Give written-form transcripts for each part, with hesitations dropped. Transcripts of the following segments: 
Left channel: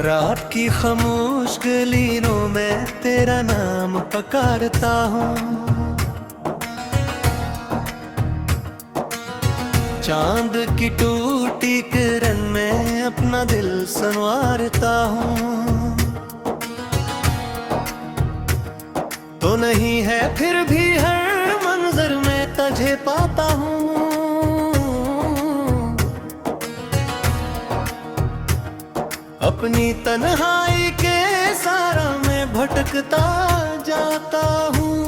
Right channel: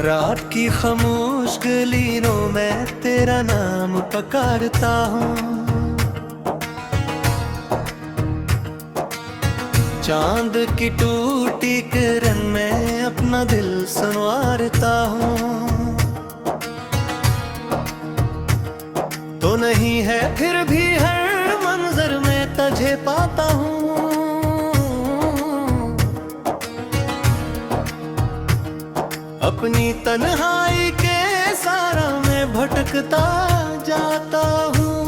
रात की खामोश गलियों में तेरा नाम पुकारता हूँ, चांद की टूटी किरण में अपना दिल संवारता हूँ। तो नहीं है फिर भी हर मंजर में तुझे पाता हूँ। अपनी तन्हाई के सारा में भटकता जाता हूँ।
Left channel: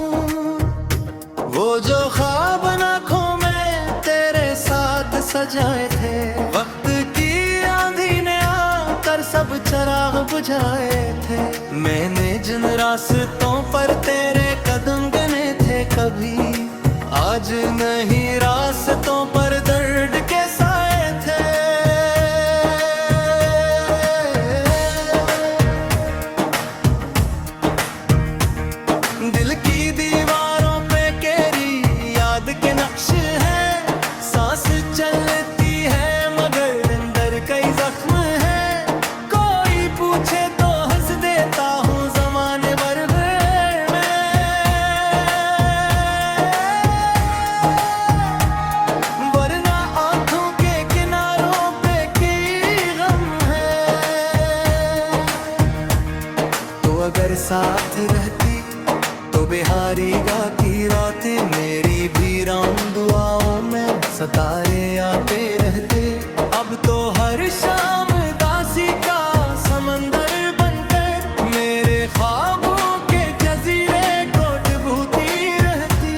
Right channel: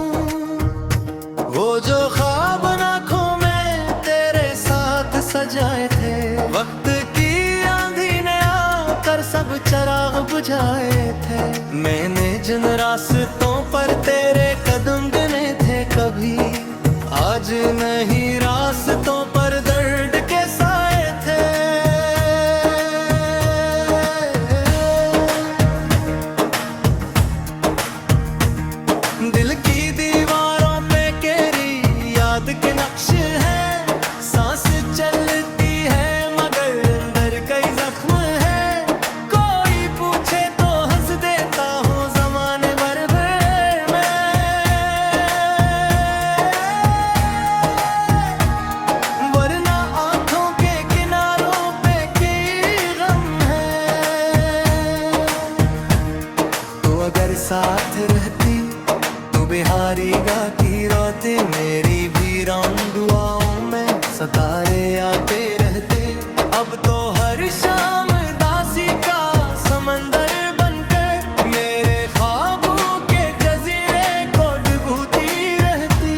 वो जो ख्वाब आँखों में तेरे साथ सजाए थे, वक्त की आंधी ने आकर सब चिराग बुझाए थे। मैंने जिन रास्तों पर तेरे कदम गिने थे कभी, आज नहीं रास्तों पर दर्द के साए थे। दिल की दीवारों पे तेरी याद के नक्श है, सांस चलती है मगर अंदर कई जख्म है। कोई पूछे तो हंस देता हूँ जमाने भर में, वरना आंखों के किनारों पे की गम है। तो अगर साथ रहती तो बिहारी गाती रातें मेरी भी राम दुआओं में सितारे आते रहते। अब तो हर शाम दासी का समंदर बनकर मेरे ख्वाबों के जजीरे को डुबोती रहती।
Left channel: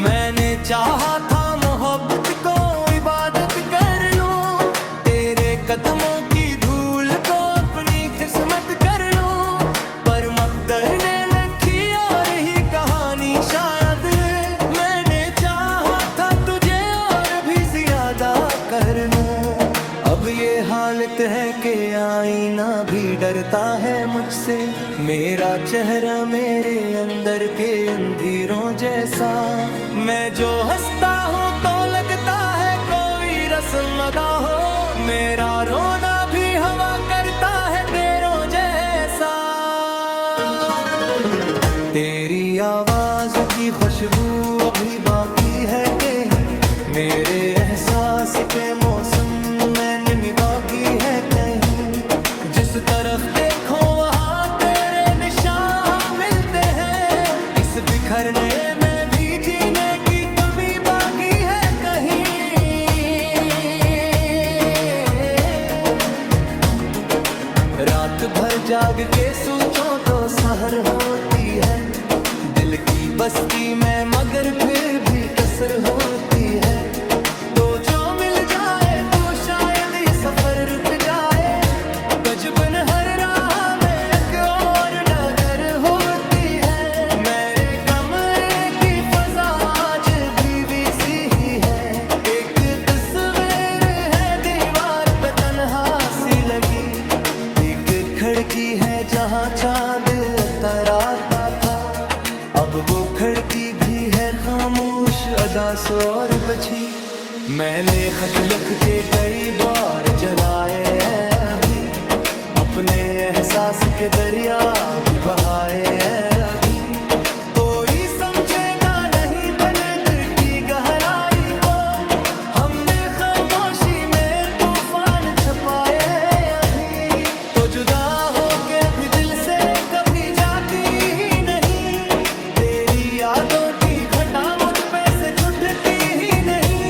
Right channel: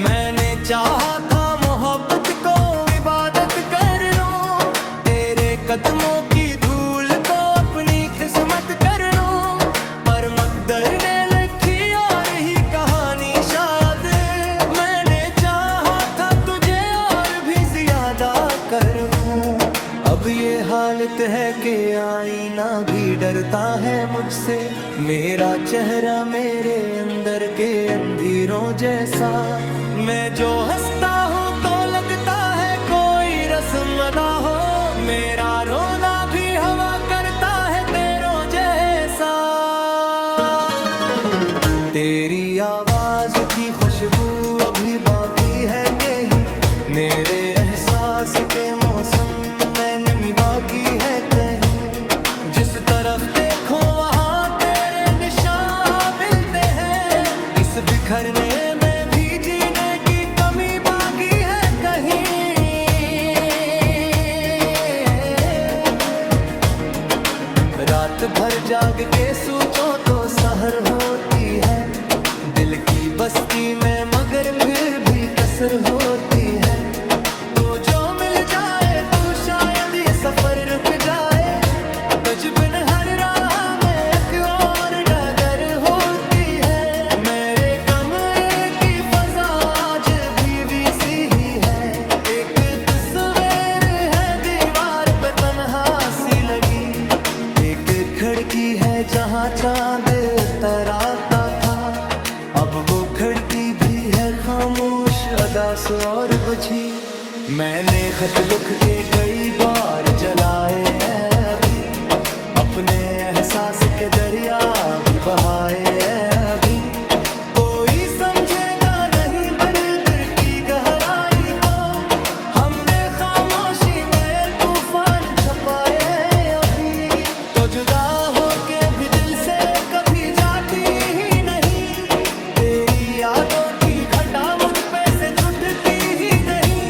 मैंने चाहा था मोहब्बत को इबादत कर लूं, तेरे कदमों की धूल को अपनी किस्मत कर लूं, पर मकदर ने कर लूं। अब ये हालत है कि आईना भी डरता है मुझसे, मेरा चेहरा मेरे अंदर के अंधेरों जैसा। मैं जो हंसता हूँ तो लगता है कोई रस्म अदा हो, मेरा रोना भी हवा करता है तेरों जैसा। तेरी आवाज की खुशबू अभी बाकी है कहीं, मेरे एहसास के मौसम में नमी बाकी है कहीं। जिस तरफ देखो वहाँ तेरे निशान मिलते हैं, इस बिखरने में भी जीने की कमी बाकी है कहीं। रात भर जाग के सोचो तो सहर होती है, दिल की बस्ती में मगर फिर भी कसर होती है। तो जो मिल जाए तू शायद ये सफर रुक जाए, तजुबन हर राह में एक और डगर होती है। मेरे कमरे की फजा आज भी वैसी ही है, एक तस्वीर है दीवार पे तन्हा सी लगी। एक खिड़की है जहाँ चांद तराता था, अब वो खिड़की भी है खामोश अदास और बची। मैंने खत लिख के कई बार जलाए हैं अभी, अपने एहसास के दरिया भी बहाए हैं अभी। कोई समझेगा नहीं दर्द की गहराई को, हमने खामोशी में तूफान छपाए अभी। तो जुदा होके भी दिल से कभी जाती ही नहीं, तेरी यादों की घटा मुझ पे से छूटती ही नहीं।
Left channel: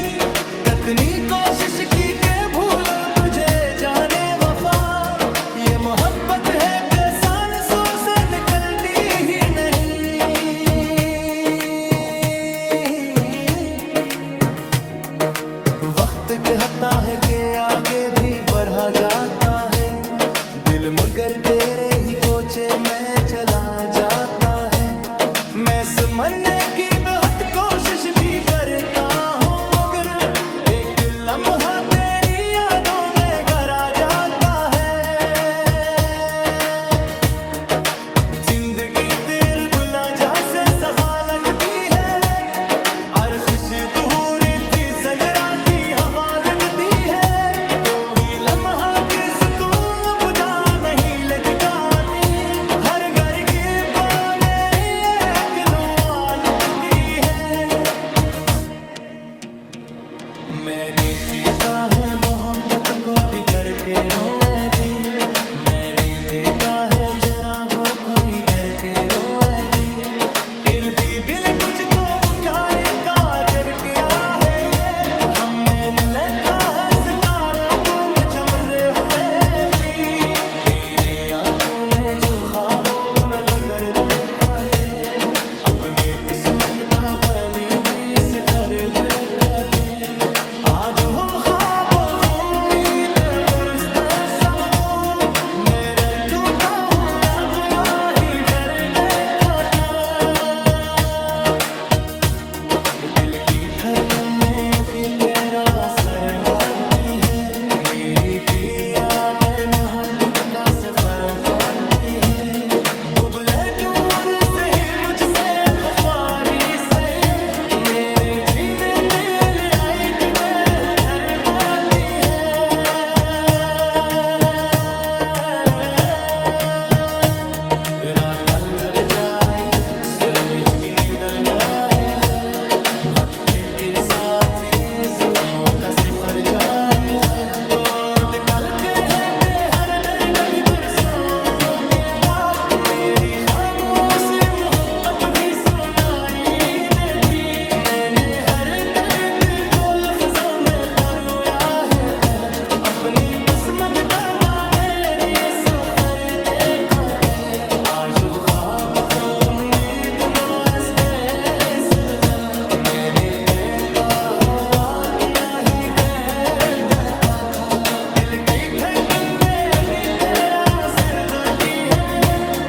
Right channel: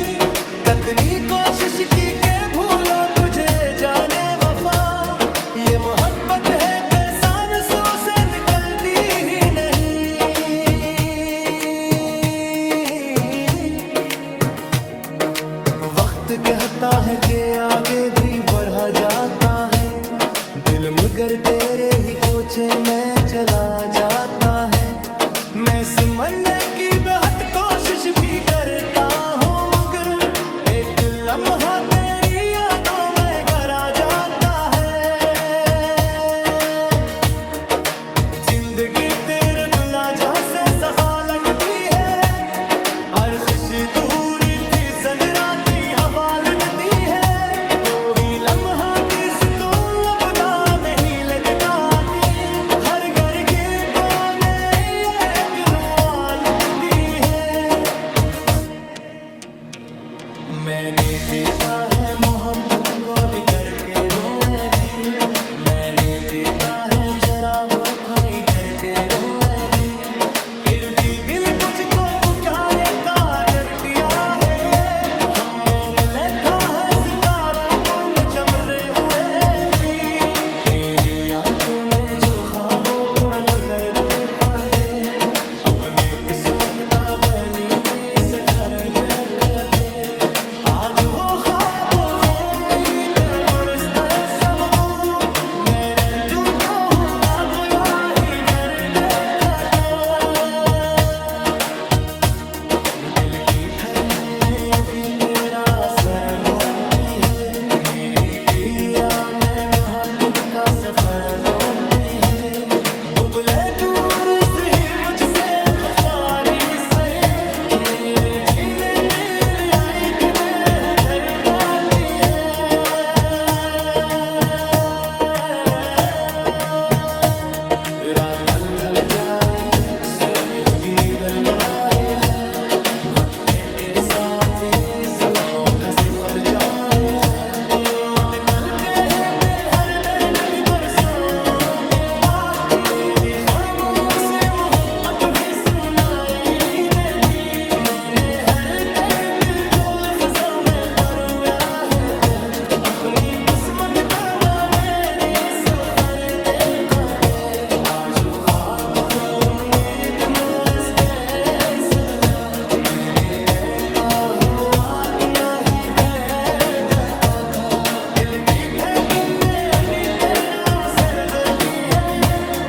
कितनी कोशिश की के भूलो तुझे जाने वफा, ये मोहब्बत है कि सांसों से निकलती ही नहीं। वक्त कहता है कि आगे भी बढ़ा जाता है, दिल मगर तेरे ही कोचे में चला जाता है। मैं समझने की बहुत कोशिश भी करता हूँ मगर एक लम्हा तेरी यादों में गरा जाता है। मैंने देखा है मोहब्बत को बिगड़ के रोए दिल, मैंने देखा है चरागों खड़ी घर के रोए दिल, इर्दी दिल तुझको पुकारे काजर किया है ये, हम मैंने लिखा है सितारों को मजमरे हुए थी, मेरी आंखों में जो ख्वाबों पर लगर देखा थे, अपने किस्मत का बलि भी से कर रखा थे, आज वो ख्वाब उम्मीद पुरस्ते सब भूल, मेरे टूटा हुआ खुला ही घर देखा था, दिल की धड़कन में भी तेरा असर बाकी है, मेरी पिया मैंने हाथ का सफर बाकी है, दुबले दूर से ही मुझसे वफारी सही, मेरे जीने दिल आई मैं उधर बाकी है, रात ढल जाए सूरज भी निकल जाए है, भट्टे के साथ ये जख्मों का सिफर जाए है, तो कल कहते हर दर्द भी बरसों के बाद, मेरी खामोशी अब भी सुनाई देती, मैंने हर दर्द को लफ्जों में परोया है, अपनी किस्मत का मेरी सफर देखा थे, आज वो ख्वाब को उम्मीद मुझसे सिलवा, मैंने देखा हो अपना ही घर देखा था, दिल की धड़कन में भी तेरा सर होती है,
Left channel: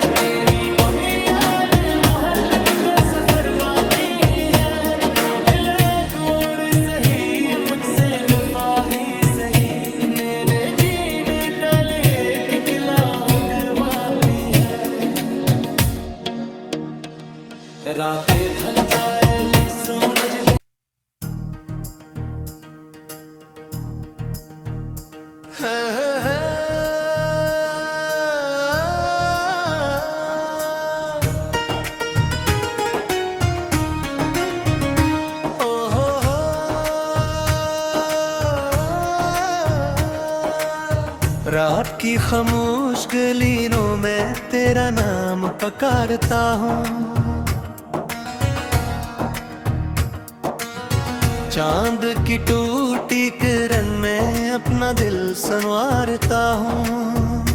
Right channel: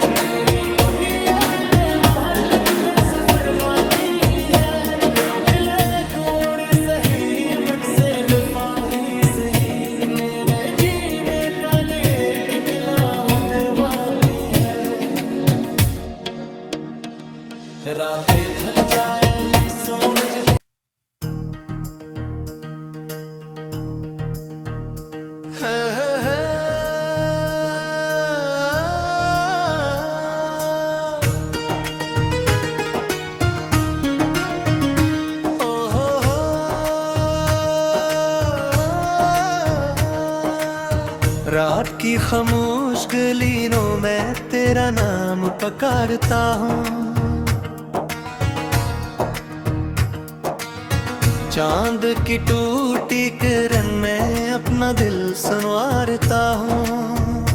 मेरी दुनिया में मोहब्बत का सफर बाकी है, लोग ले दूर सही मुझसे वफा ही सही, मेरे जीने का लिए खिलाहट करवाती है, रातें ढल जाएगी सूरज दिन रात की खामोश गलियों में तेरा नाम पुकारता हूँ, चांद की टूटी किरण में अपना दिल संवारता हूँ,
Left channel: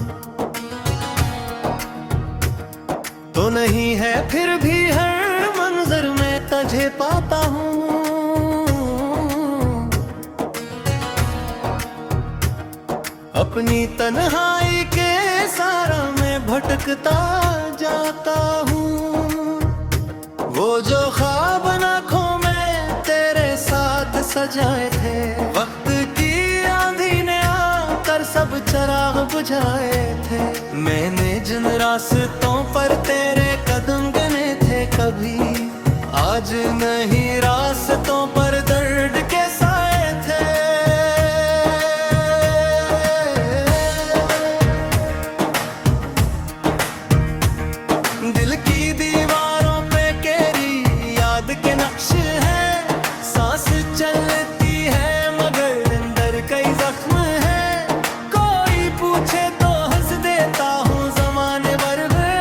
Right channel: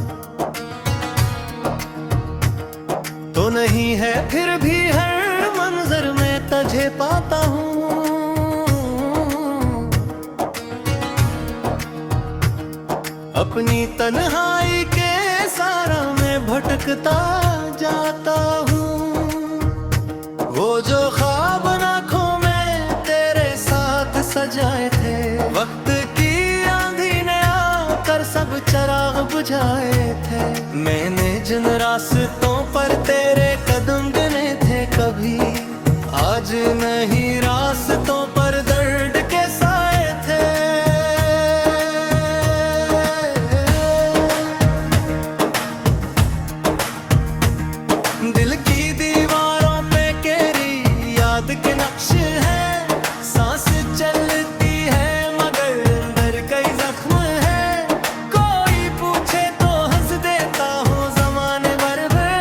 तो नहीं है फिर भी हर मंजर में तुझे पाता हूँ, अपनी तन्हाई के सारा में भटकता जाता हूँ, वो जो ख्वाब आँखों में तेरे साथ सजाए थे, वक्त की आंधी ने आकर सब चिराग बुझाए थे, मैंने जिन रास्तों पर तेरे कदम गिने थे कभी, आज नहीं रास्तों पर दर्द के साए थे, दिल की दीवारों पे तेरी याद के नक्श है, सांस चलती है मगर अंदर कई जख्म है, कोई पूछे तो हंस देता हूँ जमाने भर में,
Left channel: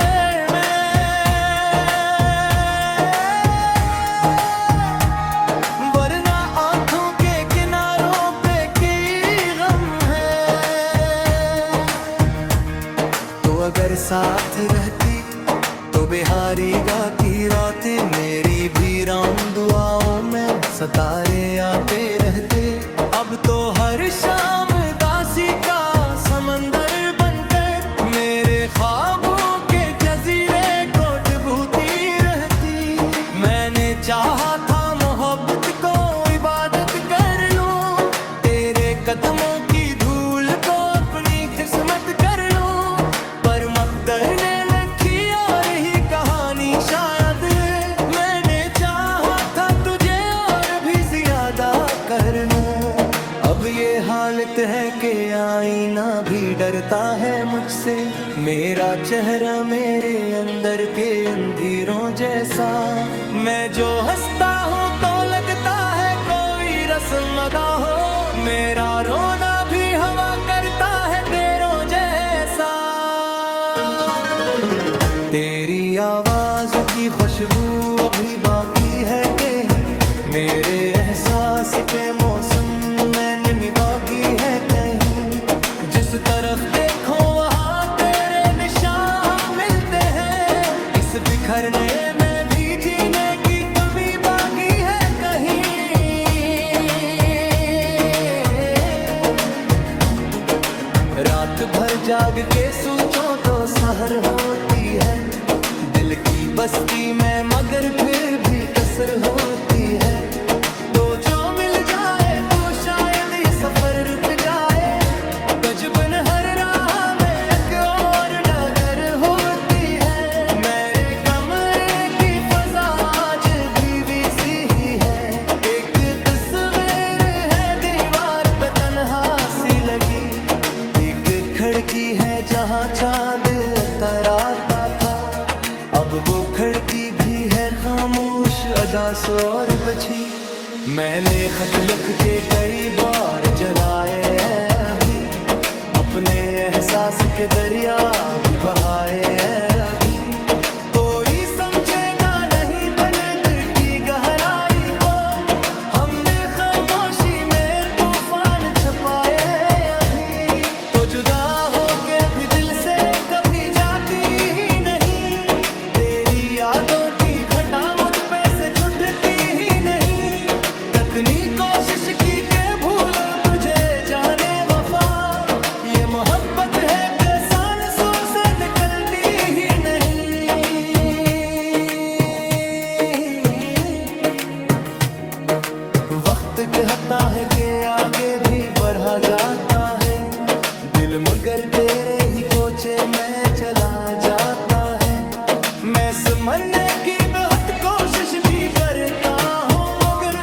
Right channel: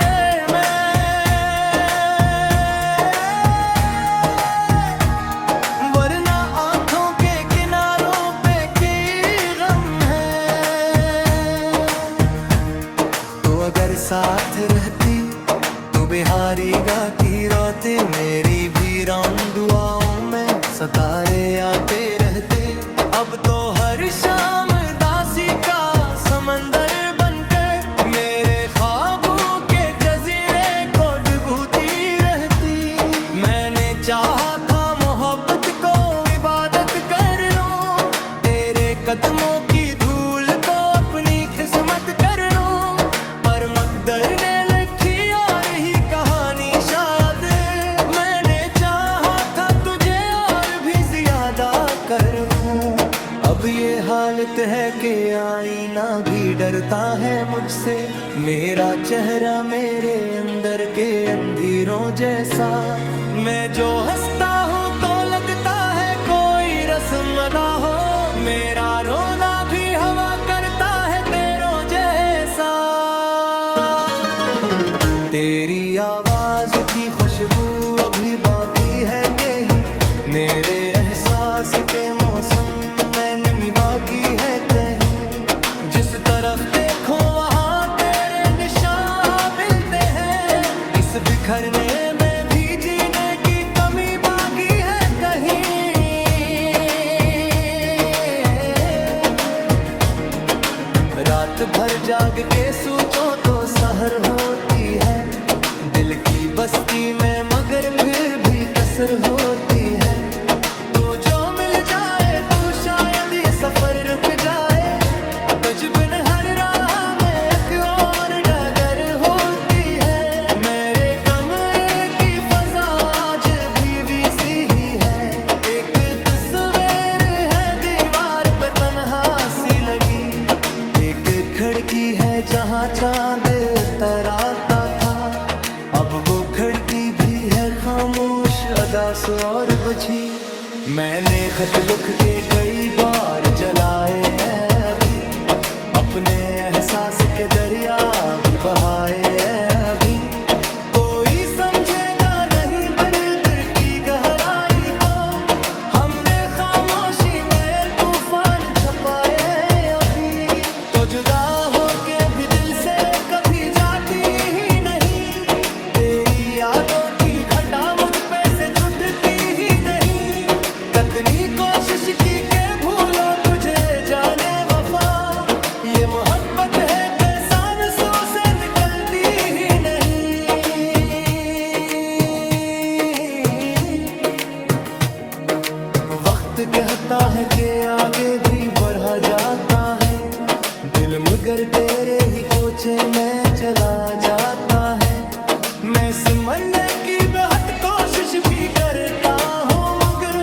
वरना आंखों के किनारों पे की गम है, तो अगर साथ रहती तो बिहारी गा की रातें मेरी भी राम दुआओं में सितारे आते रहते, अब तो हर शाम दासी का समंदर बनकर मेरे ख्वाबों के जजीरे को डूबती रहती, मैंने चाहा था मोहब्बत को इबादत कर लूं, तेरे कदमों की धूल को अपनी किस्मत कर लूं, पर मकदर ने कर लूं, अब ये हालत है कि आईना भी डरता है मुझसे, मेरा चेहरा मेरे अंदर के अंधेरों जैसा, मैं जो हंसता हूँ तो लगता है कोई रस्म अदा हो, मेरा रोना भी हवा करता है तेरों जैसा। तेरी आवाज की खुशबू अभी बाकी है कहीं, मेरे एहसास के मौसम में निमी बाकी है कहीं। जिस तरफ देखो वहाँ तेरे निशान मिलते हैं, इस बिखरने में भी जीने की कमी बाकी है कहीं। रात भर जाग के सोचो तो सहर होती है, दिल की बस्ती में मगर फिर भी कसर होती है। तो जो मिल जाए तो शायद ये सफर रुक जाए, तजुबन हर राह में एक और डगर होती है। मेरे कमरे की फजा आज भी सी ही है, एक तस्वीर है दीवार पे तन्हा सी लगी। एक खिड़की है जहाँ चांद तराता था, अब वो खिड़की भी है खामोश अदा सो और बजी। मैंने खत लिख के कई बार जलाए हैं अभी, अपने एहसास के दरिया भी बहाए हैं अभी। कोई समझेगा नहीं दर्द की गहराई को, हमने खामोशी में तूफान छपाए अभी। तो जुदा होके भी दिल से कभी जाती ही नहीं, तेरी यादों की घटा मुझ पे से छुटती ही नहीं। कितनी कोशिश की के भूलो तुझे जाने वफा, ये मोहब्बत है कि सांसों से निकलती ही नहीं। वक्त कहता है कि आगे भी बढ़ा जाता है, दिल मगर तेरे ही कोचे में चला जाता है। मैं समझने की बहुत कोशिश भी करता हूँ, मगर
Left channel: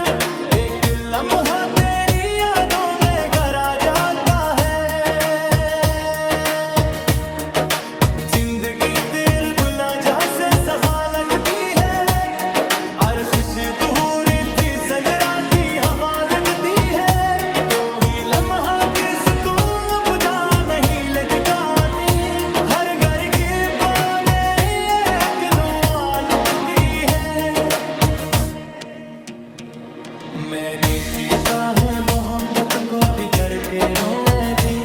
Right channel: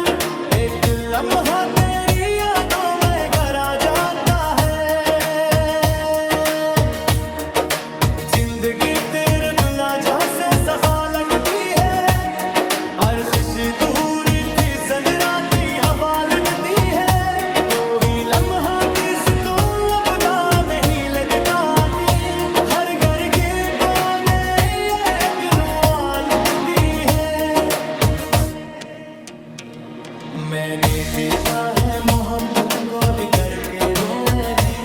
एक लम्हा तेरी यादों में गरा जाता है। जिंदगी तेरे गुला जैसे सफा लगती है, हर खुशी तूरी थी संजराती हवा लगती है। कोई लम्हा की सुतून अपना नहीं लटकाती, हर घर के कोने एक नुआ लगती है। मैंने देखा है मोहब्बत को बिगड़ के रोए दी,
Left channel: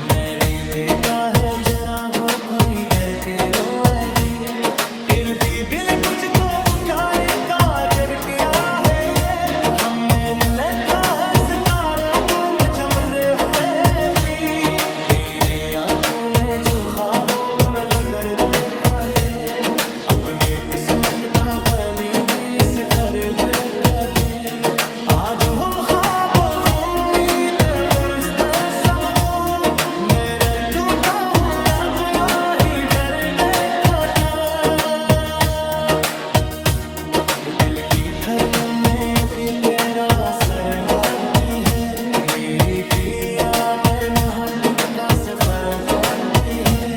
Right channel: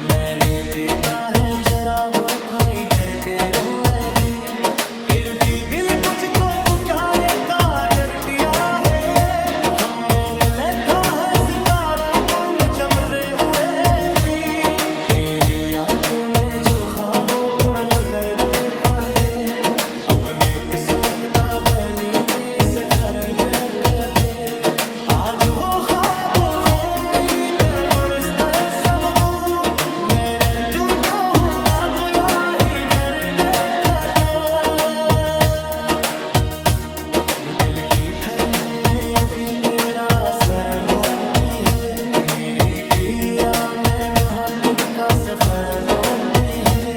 मैंने देखा है चरागों खड़ी कर के रोए दी। इर्दी दिल तुझको पुकारे काजर किया है ये, हम मैंने लिखा है सितारों को मचमरे हुए थी। तेरी आंखों में जो ख्वाबों को लगर देखा थे, अपने किस्मत का बलि भी से कर रखा थे। आज वो ख्वाब उम्मीद पुरस्ते सब वो, मेरे टूटा हुआ कोया ही घर देखा था। दिल की घर में भी तेरा असर बाकी है, मेरी पिया में मुहक्किक का सफर बाकी है।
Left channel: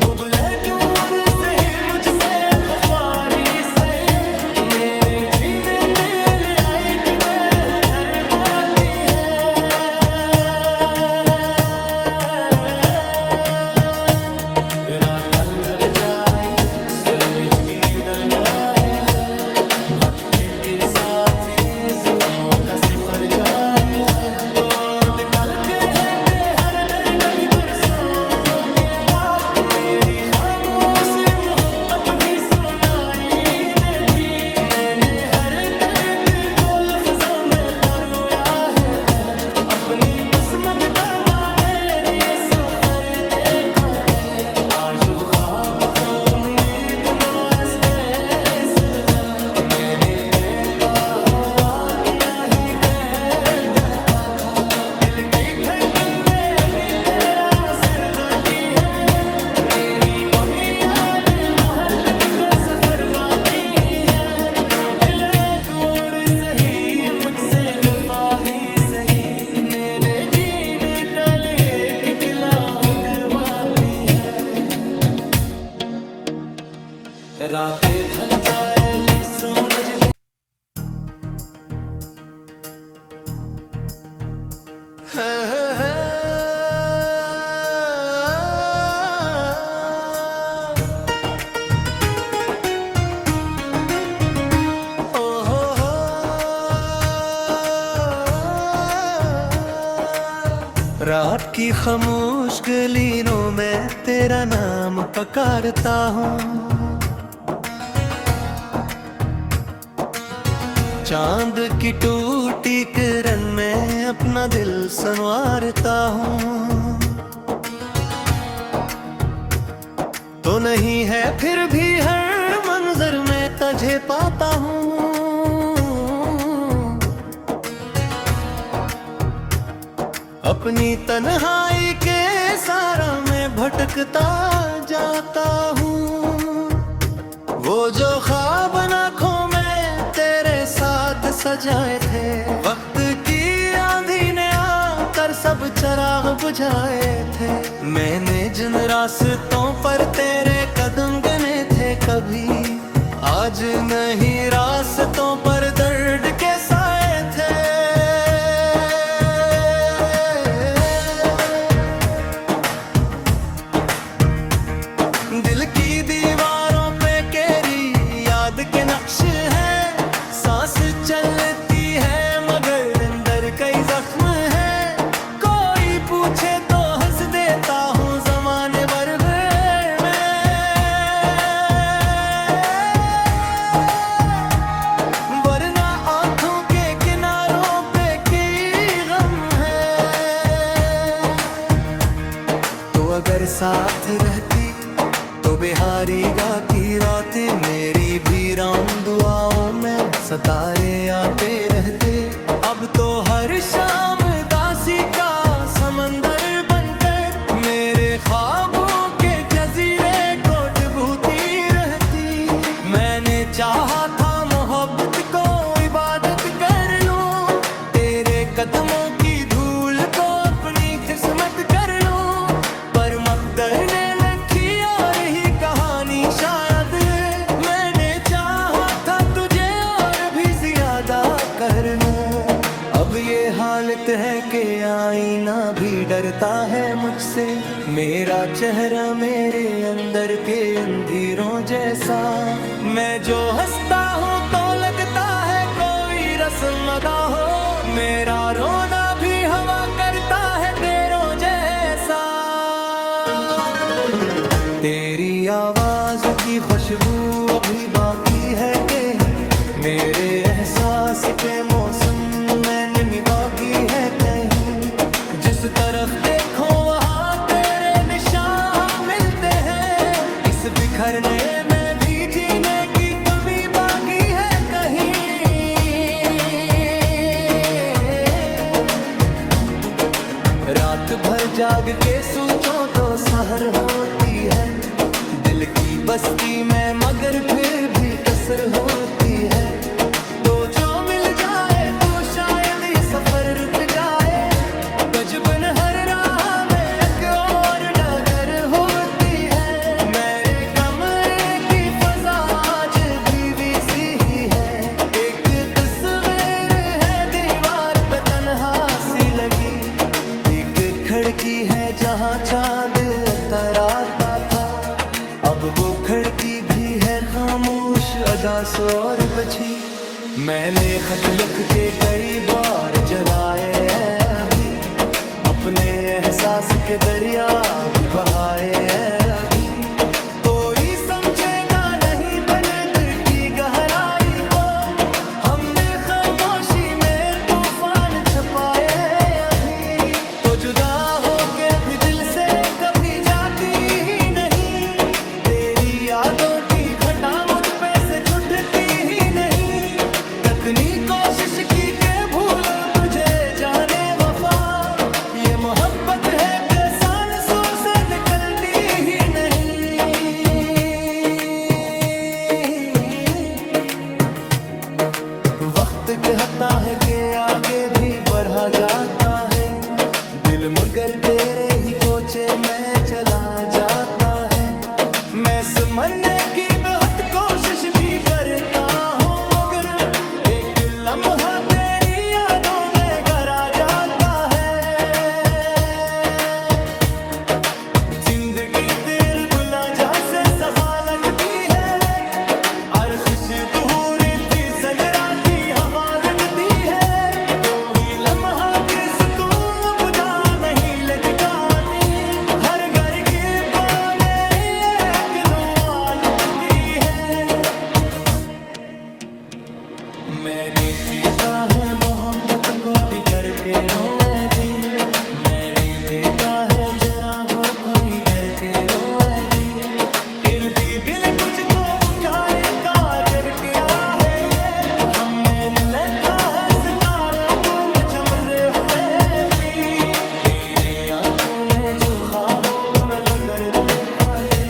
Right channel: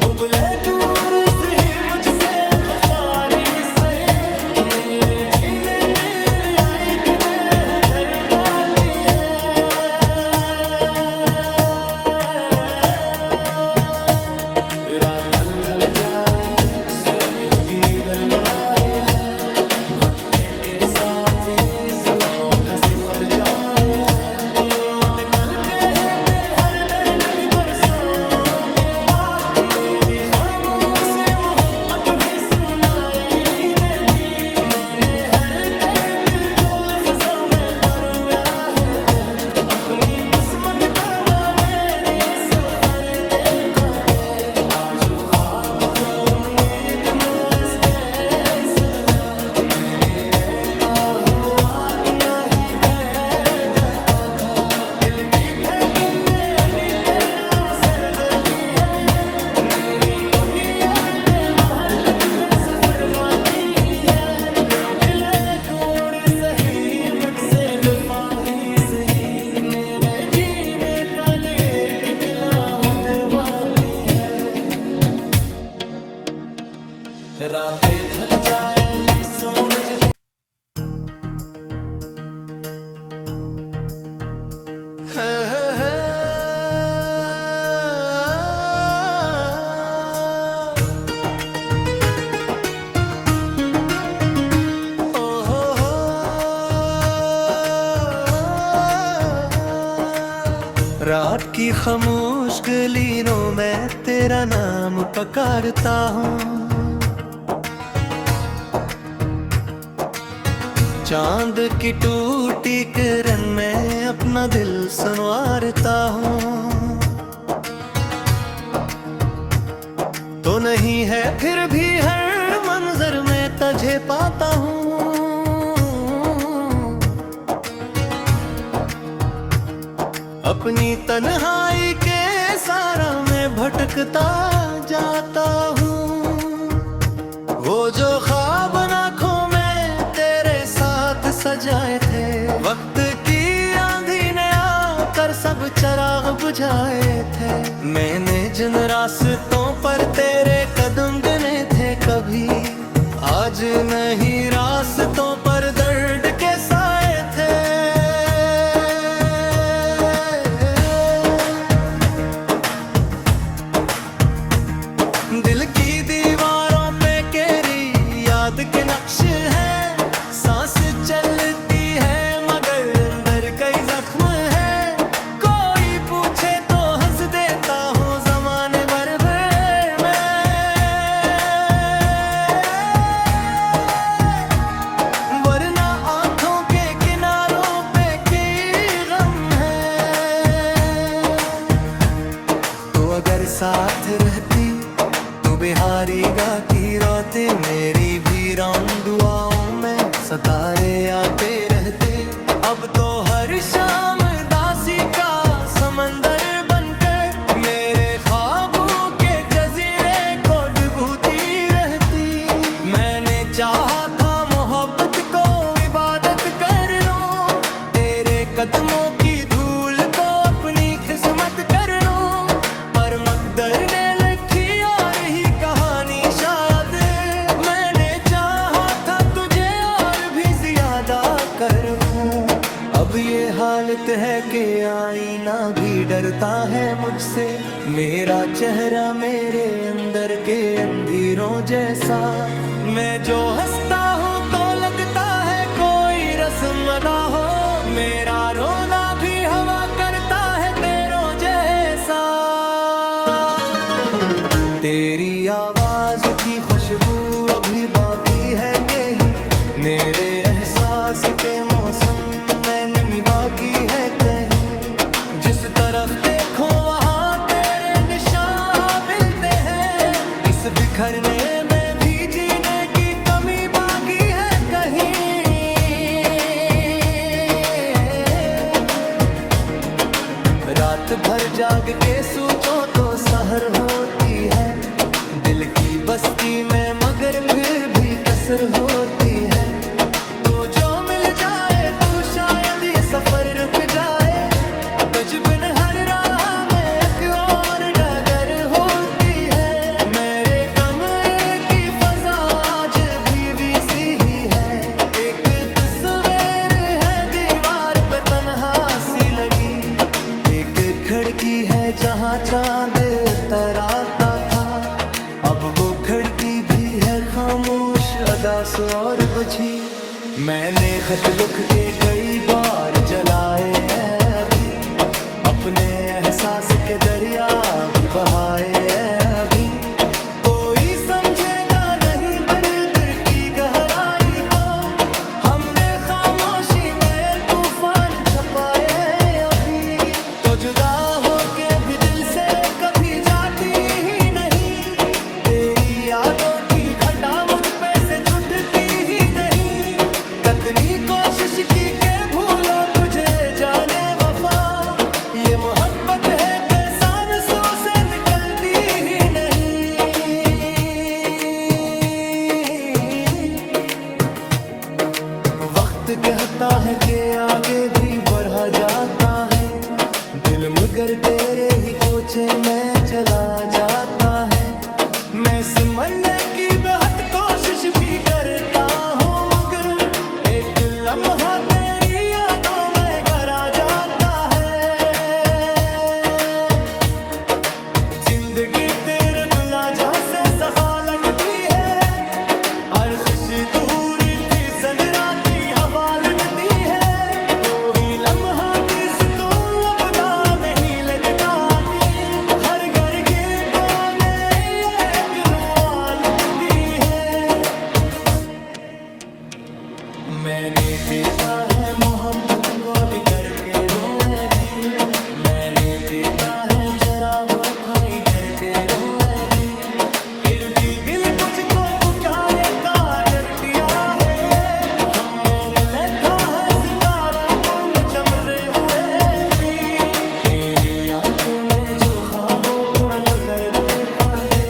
दुबले दूर से ही मुझसे वफारी सही, मेरे जीने के लिए एक नए उधर बाकी है। रात ढल जाए सूरज भी निकल जाए है, भटके के साथ ये सपनों का सिफर जाए है। तो निकल के थे हर दर्द कभी बरसों के बाद, मेरी खामोशी मोहब्बत भी सुनाई देती। मैंने हर दर्द को लफ्जों में परोया है, अपनी किस्मत का माने सफर देखा थे। आज वो ख्वाब को उम्मीद मुआस्ते सिलवा, मैंने देखा हो अपना ही घर देखा था। दिल की धड़कन में भी तेरा सर दोती है, मेरी पविया में मोहब्बत का सफर बाकी है। नो गिले दूर सही मुझसे वफा ही सही, मैंने जीने का लिए किला हो करवाती है। रातें ढल जाएगी सूरज रात की खामोश गलियों में तेरा नाम पुकारता हूँ, चांद की टूटी किरण में अपना दिल संवारता हूँ। तो नहीं है फिर भी हर मंजर में तुझे पाता हूँ, अपनी तन्हाई के सारा में भटकता जाता हूँ। वो जो ख्वाब आँखों में तेरे साथ सजाए थे, वक्त की आंधी ने आकर सब चिराग बुझाए थे। मैंने जिन रास्तों पर तेरे कदम गिने थे कभी, आज नहीं रास्तों पर दर्द के साए थे। दिल की दीवारों पे तेरी याद के नक्श है, सांस चलती है मगर अंदर कई जख्म है। कोई पूछे तो हंस देता हूँ जमाने भर में, वरना आंखों के किनारों पे की गम है। तो अगर साथ रहती तो बिहारी गा की रातें मेरी भी राम दुआओं में सितारे आते रहते। अब तो हर शाम दासी का समंदर बनकर मेरे ख्वाबों के जजीरे को डुबोती रहती। मैंने चाहा था मोहब्बत को इबादत कर लूं, तेरे कदमों की धूल को अपनी किस्मत कर लूं, पर मकदर ने कर लूं। अब ये हालत है कि आईना भी डरता है मुझसे, मेरा चेहरा मेरे अंदर के अंधेरों जैसा। मैं जो हंसता हूँ तो लगता है कोई रस्म अदा हो, मेरा रोना भी हवा करता है तेरों जैसा। तेरी आवाज की खुशबू अभी बाकी है कहीं, मेरे एहसास के मौसम में निमी बाकी है कहीं। जिस तरफ देखो वहाँ तेरे निशान मिलते हैं, इस बिखरने में भी जीने की कमी बाकी है कहीं। रात भर जाग के सोचो तो सहर होती है, दिल की बस्ती में मगर फिर भी कसर होती है। तो जो मिल जाए तू शायद ये सफर रुक जाए, तजबन हर राह में एक और डगर होती है। मेरे कमरे की फजा आज भी वैसी ही है, एक तस्वीर है दीवार पे तन्हा सी लगी। एक खिड़की है जहाँ चांद तराता था, अब वो खिड़की भी है खामोश अदा सो और बजी। मैंने खत लिख के कई बार जलाए हैं अभी, अपने एहसास के दरिया भी बहाए हैं अभी। कोई समझेगा नहीं दर्द की गहराई को, हमने खामोशी में तूफान छपाए अभी। तो जुदा होके भी दिल से कभी जाती ही नहीं, तेरी यादों की घटा मुझ पे से छूटती ही नहीं। कितनी कोशिश की के भूलो तुझे जाने वफा, ये मोहब्बत है कि सांसों से निकलती ही नहीं। वक्त कहता है कि आगे भी बढ़ा जाता है, दिल मगर तेरे ही कोचे में चला जाता है। मैं समझने की बहुत कोशिश भी करता हूँ मगर एक लम्हा तेरी यादों में गरा जाता है। के रोए दी इर्दी दिल तुझको पुकारे काजल किया है ये हम मैंने लिखा है सितारों को मैं चमरे हुए थी मेरी आंखों में जो ख्वाबों को लगर लिखा थे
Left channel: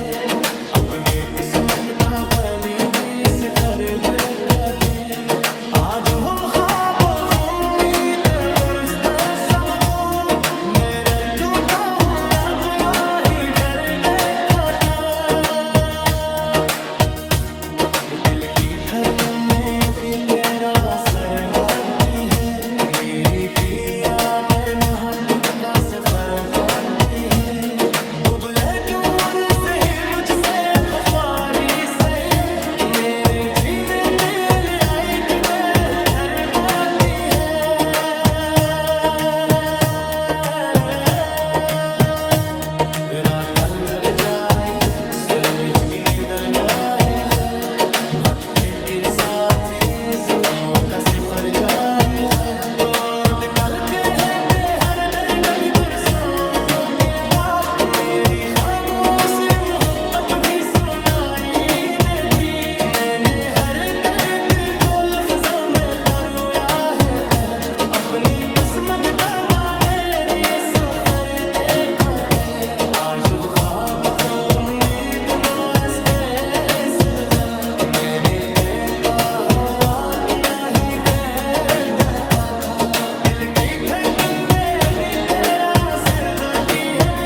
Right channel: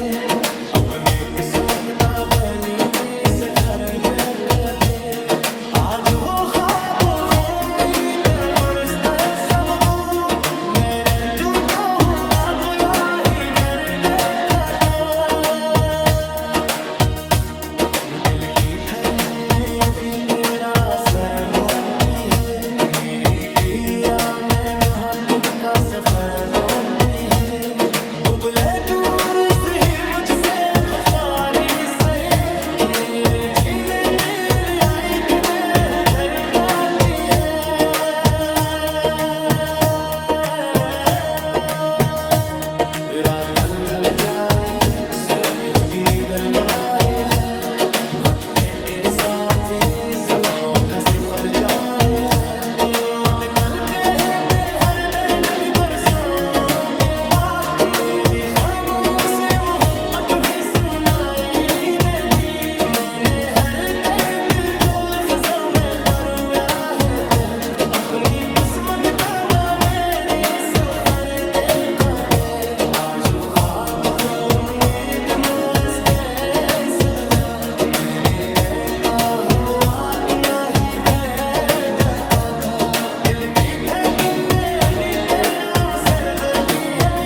अपने किस्मत का बलि भी से खरीद रखा थे आज वो ख्वाब उम्मीद परस्ते सब भूल मेरे तू तो हूँ ना कोया ही घर देखा था दिल की धर्म में भी तेरा असर बाकी है मेरी किया मैंने हाथ का सफर बाकी है उबले दूर से ही मुझसे गुफारी सही मेरे जीने दिल आई किने उधर बाकी है रात ढल जाए सूरज भी निकल जाए है भटके के साथ ये जख्मों का सिखर जाए है तो निकल के रहते हर दर्द भी बरसों के बाद मेरी खामोशी मोहब्बत भी सुनाई देती मैंने हर दर्द को लफ्जों में परोया है अपनी किस्मत का माने सफर देखा थे आज वो ख्वाब को उम्मीद मुझसे सिलवा मैंने देता हो अपना ही घर देखा था दिल की धड़कन में भी तेरा सर दोती है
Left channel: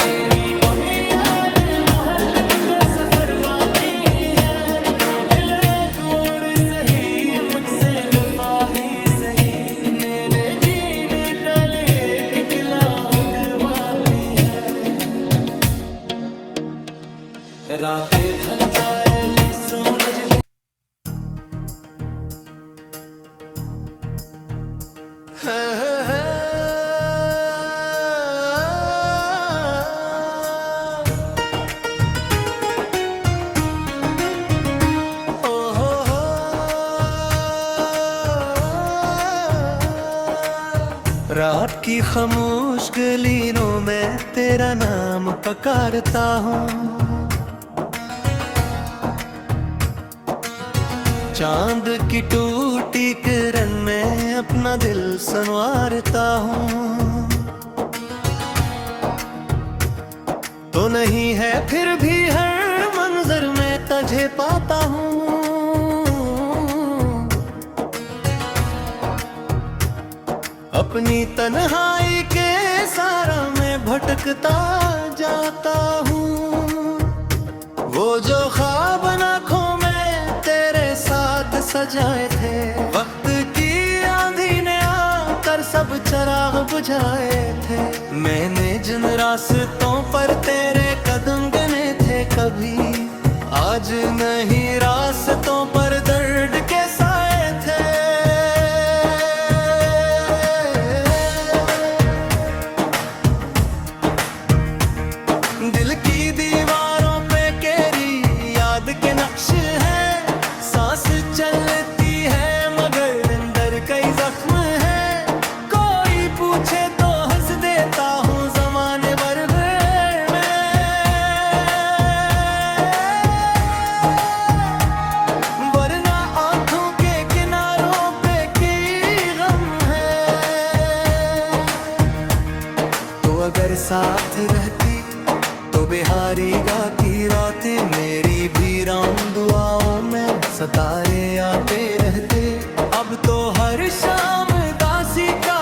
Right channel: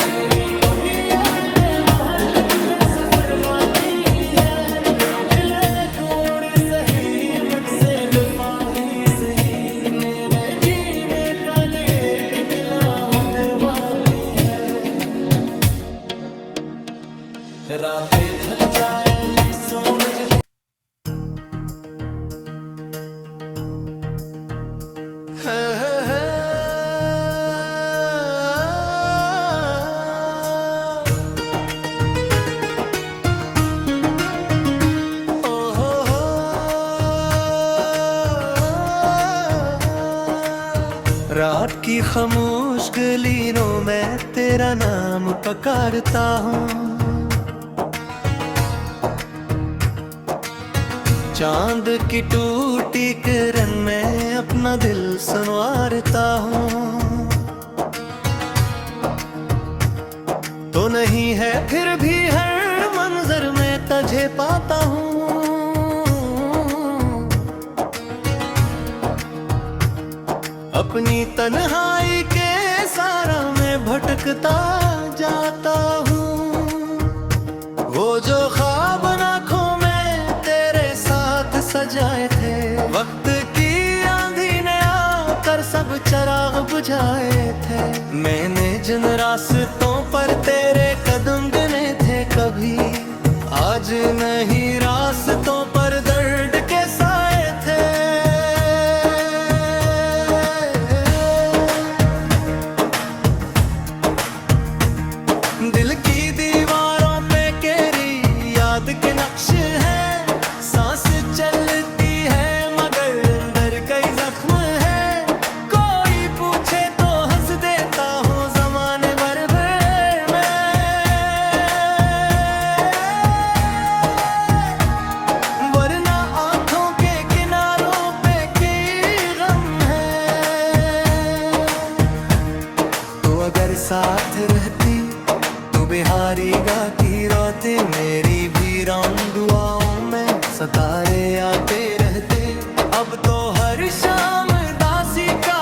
मेरी कमियां ने महत्व का सफर बाकी है नो दिले दूर सही मुझसे वफा ही सही मैंने जीने का लिए किला करवाती है रातें ढल जाएगी सूरज दी रात की खामोश गलियों में तेरा नाम पुकारता हूँ चांद की टूटी किरण में अपना दिल संवारता हूँ तो नहीं है फिर भी हर मंजर में तुझे पाता हूँ अपनी तन्हाई के सारा में भटकता जाता हूँ वो जो ख्वाब आँखों में तेरे साथ सजाए थे वक्त की आंधी ने आकर सब चिराग बुझाए थे मैंने जिन रास्तों पर तेरे कदम गिने थे कभी आज नहीं रास्तों पर दर्द के साए थे दिल की दीवारों पे केरी याद के नक्श है सांस चलती है मगर अंदर कई जख्म है कोई पूछे तो हंस देता हूँ जमाने भर में वरना आंखों के किनारों पे की गम है तो अगर साथ रहती बिहारी गाती रातें मेरी भी राम दुआओं में सितारे आते रहते अब तो हर शाम दासी का